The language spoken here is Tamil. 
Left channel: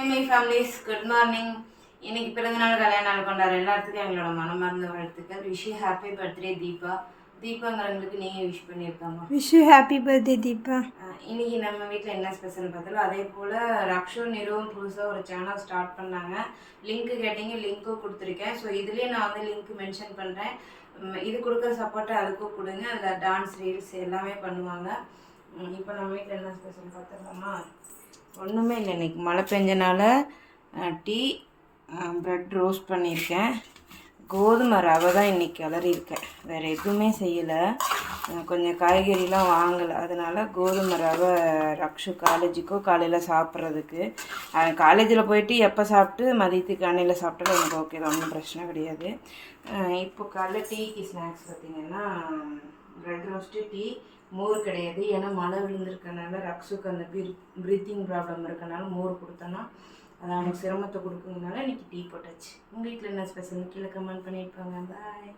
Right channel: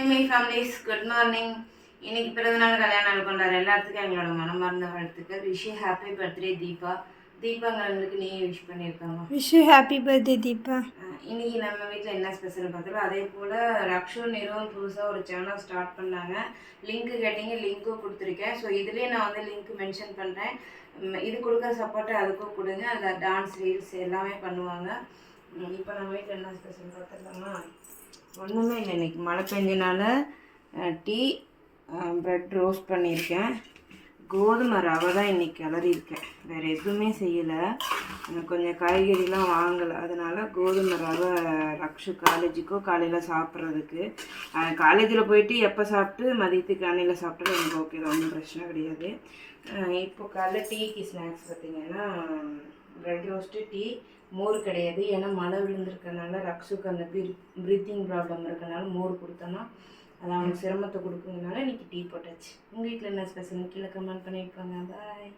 High my families, good morning. இன்னைக்கு பிறந்தநாள் கல்யாண நாள் கொண்டாடுற எல்லாத்துக்கும் எங்களோட மனமார்ந்த வாழ்த்துக்கள். Wish you happy birthday Deepa. தீபாங்கிறவங்களுக்கு நீங்கள் விஷ் பண்ணியிருக்காங்க. Wish you happy birthday Deepa. இன்னைக்கு நம்ம வீட்டில் என்ன ஸ்பெஷல் பார்த்தோம். அதே போல் ரக்ஷு நிறுவனம் புதுசாக ஒரு சேனல் ஸ்டார்ட் பண்ணாங்க. லிங்க்கு கேட்டிங்க, லிங்க்கும் கொடுத்துருக்கேன். ஸோ இதுலேயே நான் வந்து லிங்க் மென்ஷன் பண்ணுறேன். இது கொடுக்குற சப்போர்ட்டை அதுக்கும் கொடுங்க. அதில் டான்ஸ் ரீல்ஸ் எல்லாமே பண்ணுவாங்க. இப்போ நம்ம வீட்டில் என்ன ஸ்பெஷல் பார்த்துடலாமா? ஒன்றுமே இல்லை, இன்றைக்கி மழை பெஞ்சனால டீ, ப்ரெட் ரோஸ்ட் பண்ணியிருக்கேன். கோதுமை ரவை தான் இன்றைக்கி கிளறியிருக்கேன், வேறு எதுவுமே செய்யலை. கொஞ்சம் காய்கறிலாம் வாங்கலை, அதனால் கோதுமை ரவை ரக்ஷு காலேஜுக்கோ காலையில் சாப்பிட்றதுக்கு. காலேஜில் போயிட்டு எப்போ சாப்பிட்டு மதியத்துக்கு அன்னையில் சாப்பிட்டாலும் எனக்கு ஓகே தான், ஒன்றும் பிரச்சனை கிடையாது. இப்போ காலைல டீக்கு ஸ்நாக்ஸ் பார்த்திங்கன்னா ப்ரெட் ரோஸ்ட்டு, டீ, மோர் கிடையாது. ஏன்னா மழை விழுந்திருக்கனால ரக்ஷுக்கு அந்த ப்ரீத்திங் ப்ராப்ளம் இருக்கனால மோர் கொடுத்தோன்னா அது அவனுக்கு சிரமத்தை கொடுக்குறதுனால இன்றைக்கி டீ போட்டாச்சு. உங்கள் வீட்டில் என்ன ஸ்பெஷல் கீழே கமெண்ட் பண்ணியிருப்பாங்க. பாய்.